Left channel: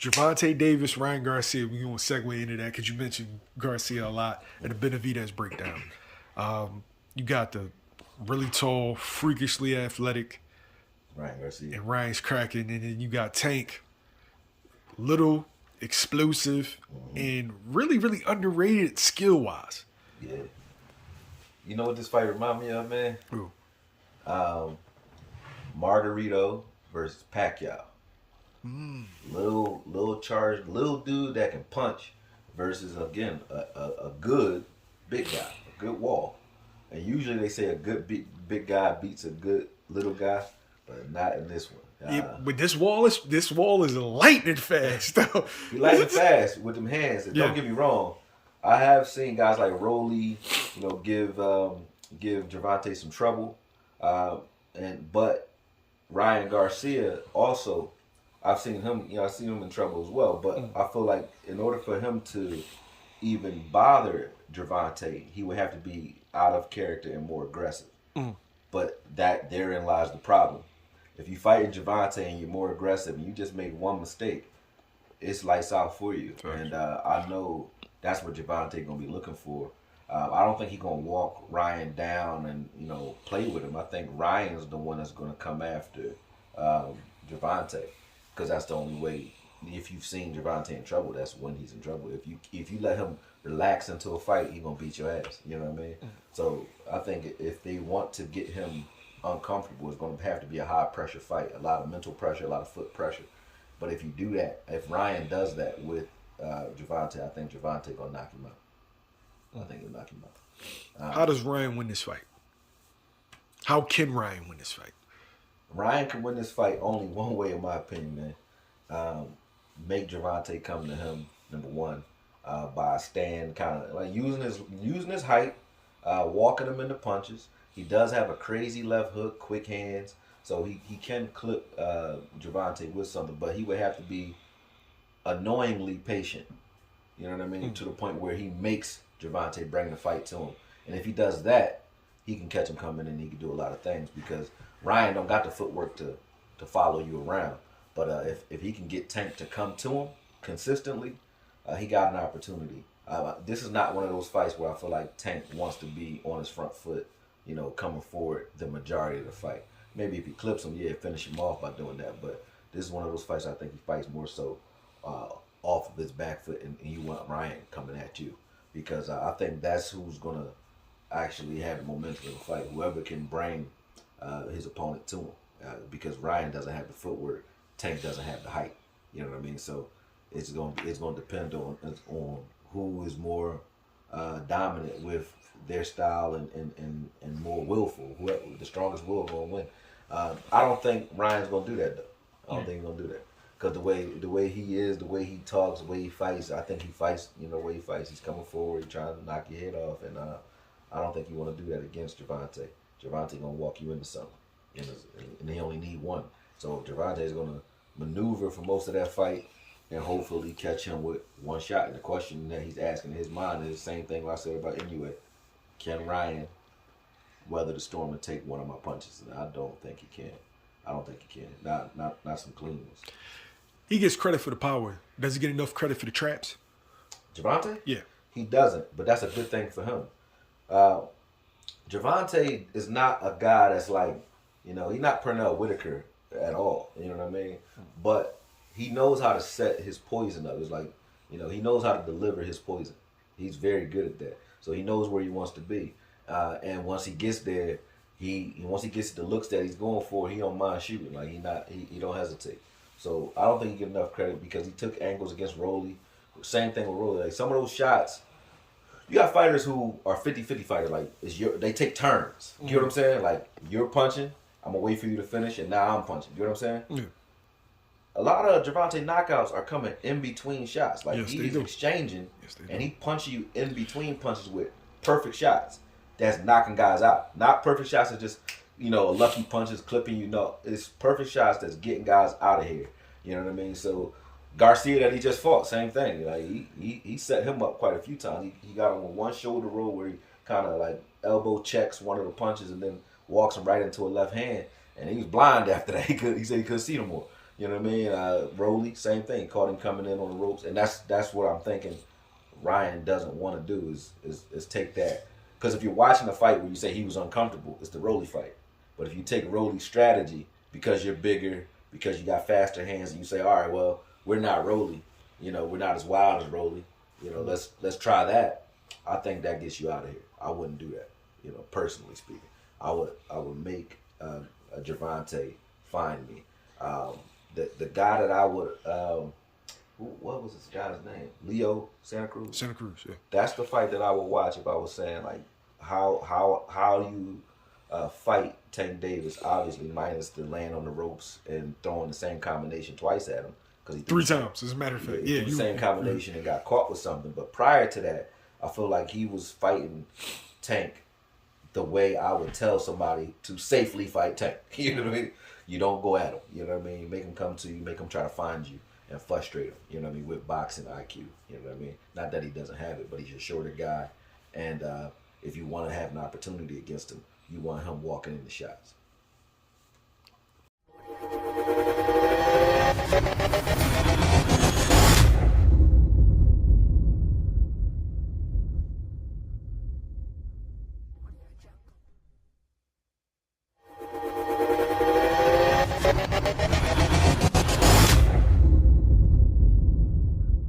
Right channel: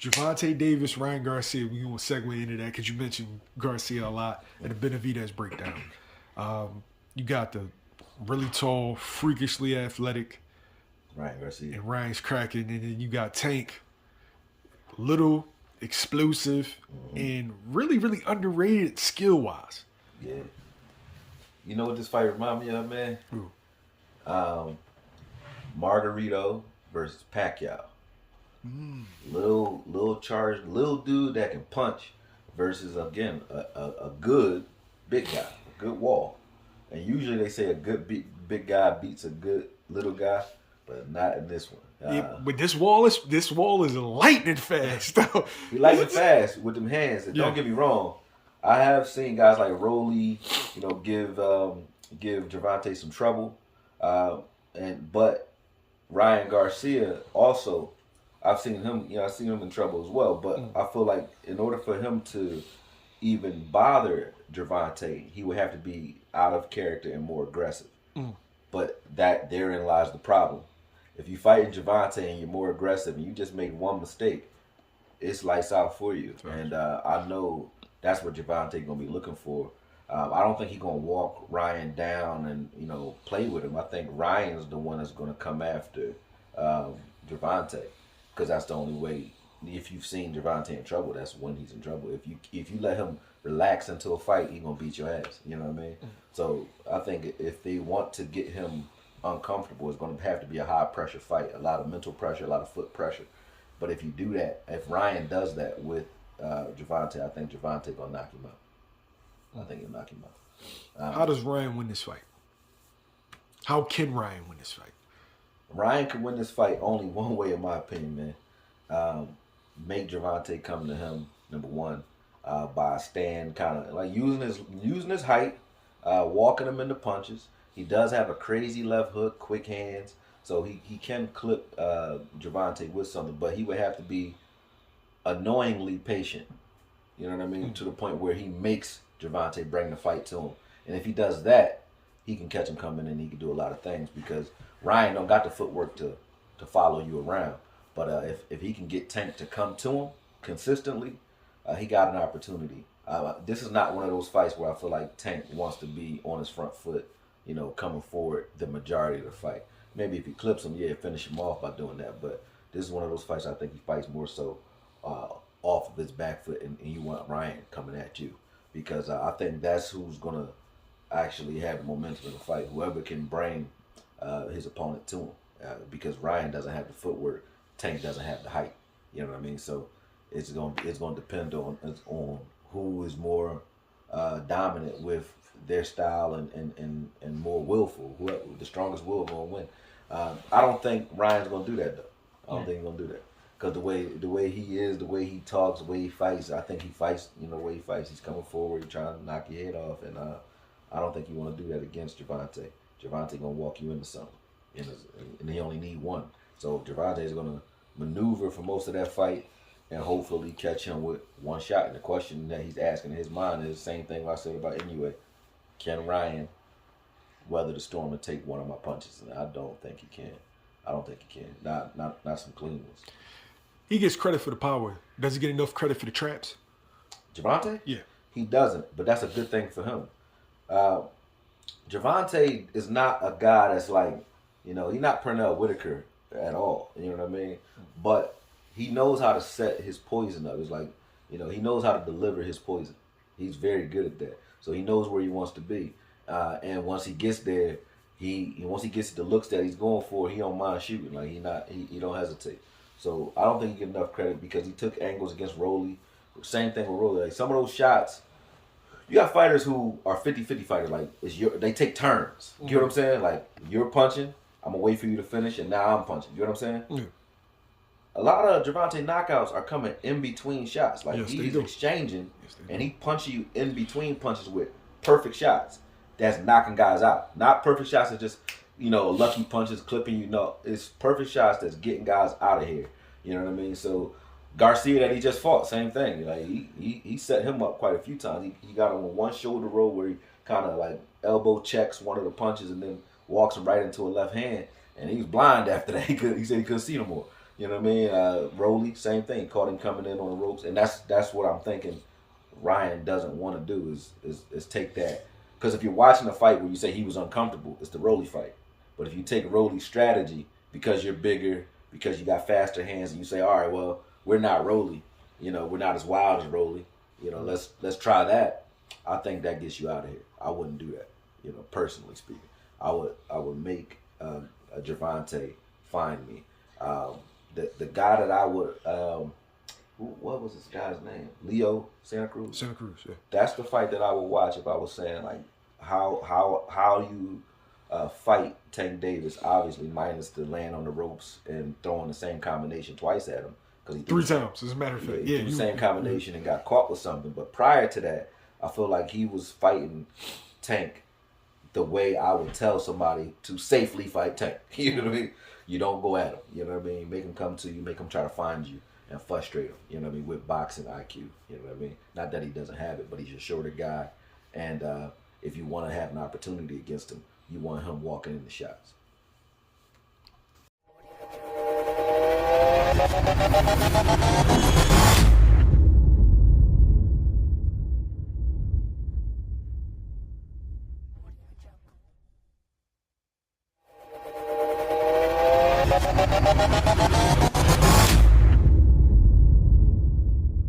Gervonta Davis, Ryan Garcia. We're going to segue into that because you mentioned Garcia a lot and the Benavidez breakdown. You got the really tall, freakishly athletic, Ryan Garcia. and Ryan's cracking, and then you got Tank, little, explosive, and really, really underrated skill wise. Yeah. You know what this fight remind me of, man? Ooh. Margarito versus Pacquiao. Little charged, little dude that can punch versus again a good big guy, a good wall. And usually they say a good big guy beats a good little guy, but not in this one. Yeah, but this wall is lightning fast though. He lightning fast with them hands. And Yeah. don't get me wrong, I have seen guys like Rolly, give Gervonta some trouble, but Ryan Garcia also, I've seen him. I've seen him in trouble as well. But I feel like in order for him to even bother Gervonta, he would have to be out of character and more aggressive. But therein lies the problem. If you fight Gervonta and you're more aggressive and you just make one mistake, it's lights out for you. Right. And I know that's what Gervonta gonna be looking for. I don't think he's gonna walk Ryan down and play with him. I think Ryan's the one that's gonna come after Gervonta, because that's the only way. If you've seen Gervonta in trouble, that's when he's in trouble. If you let him relax into a fight, he's gonna beat your ass. You know what I mean? So I think if they want to get him uncomfortable, it's gonna have to be a high pressure fight, a lot of mental pressure, a lot of foot pressure. But if you do that, if Ryan does that with Gervonta, I think Gervonta gonna knock him out. I think he'll knock him out. How does Ryan win this fight? How can Ryan win this fight? Ryan can win this fight only one way, in my opinion, man. Make Gervonta come to him, number one, by stand kind of like using his height, walking him into punches. He does have a crazy left hook, quick hands, so he can clip Gervonta with something, but he would have to be annoyingly patient. You know what I mean? To the point where he makes Gervonta bring the fight to him. And if he does that, he can catch him coming and he can do a lot of things, because Ryan don't got the footwork to follow you around. But if he can get Tank to come to him consistently, he got an opportunity. This is not one of those fights where I feel like Tank wants to be on his front foot, coming forward the majority of the fight. Maybe if he clips him, finish him off by doing that. But this is one of those fights I think he fights more so off of his back foot, and you want Ryan coming at you, because I think that's who's going to actually have the momentum in the fight, whoever can bring his opponent to him, because Ryan doesn't have the footwork, Tank doesn't have the height. You know what I mean? So it's going to depend on who is more dominant with their style and more willful. Whoever the strongest will going to win. I don't think Ryan's going to do that though. I don't think he's going to do that, because the way he is, the way he talks, the way he fights, I think he fights. The way he fights, he's coming forward, he's trying to knock your head off, and I don't think you want to do that against Gervonta. Gervonta gonna walk you into something, and he only need one. So Gervonta is gonna maneuver for most of that fight and hopefully catch him with one shot. And the question that he's asking in his mind is the same thing I said about Inoue. Can Ryan weather the storm and take one of my punches? And I don't think he can. I don't think he can. Not some clean ones. He gets credit for the power. Does he get enough credit for the traps? Gervonta? Yeah. He doesn't, but that's a good thing for him. Gervonta is not a guy that's like, he's not Pernell Whitaker at all. You know what I mean? But he knows how to set his poison up. It's like, he knows how to deliver his poison. He's very good at that. So he knows where he wants to be. And once he gets there, once he gets the looks that he's going for, he don't mind shooting. Like he don't hesitate. So I don't think he get enough credit, because he took angles against Rolly. Same thing with Rolly. Like some of those shots, you got fighters who are 50-50 fighters. Like they take turns. You know what I'm saying? Like you're punching, I'm gonna wait for you to finish, and now I'm punching. You know what I'm saying? Yeah. A lot of Gervonta knockouts are coming in between shots. Like Yes, he's exchanging, and do. he punches you in between punches with perfect shots. That's knocking guys out. Not perfect shots that just lucky punches clipping you. No, it's perfect shots that's getting guys out of here. You know what I mean? So Garcia that he just fought, same thing. Like he set him up quite a few times. He got him on one shoulder roll where he kind of like elbow checks one of the punches and then walks him right into a left hand. And he was blind after that. He said he couldn't see no more. You know what I mean? Rolly, same thing. Caught him coming in on the ropes, and that's what I'm thinking. Ryan doesn't want to do is take that, because if you're watching a fight where you say he was uncomfortable, it's the Rolly fight. But if you take Rolly's strategy because you're bigger, because you got faster hands, and you say, all right, well, we're not Rolly, we're not as wild as Rolly, let's try that. I think that gets you out of here. I wouldn't do that, personally speaking. I would make a Gervonta find me. The guy that I would what was this guy's name? Leo Santa Cruz. Santa Cruz, yeah. That's the fight that I would watch if I was saying like how you fight Tank Davis. Obviously, minus the land on the ropes and throwing the same combination twice at him, because he 3 times, as a matter of fact. Yeah, the same combination and got caught with something. But prior to that, I feel like he was fighting Tank the way I would tell somebody to safely fight Tank. You know what I mean? You don't go at him. You know what I mean? Make him come to you. Make him try to find you and frustrate him. You know what I mean? With boxing IQ. You know what I mean? Not that he doesn't have it, but he's a shorter guy. And if you want to have an opportunity against him, you want him walking in the shots.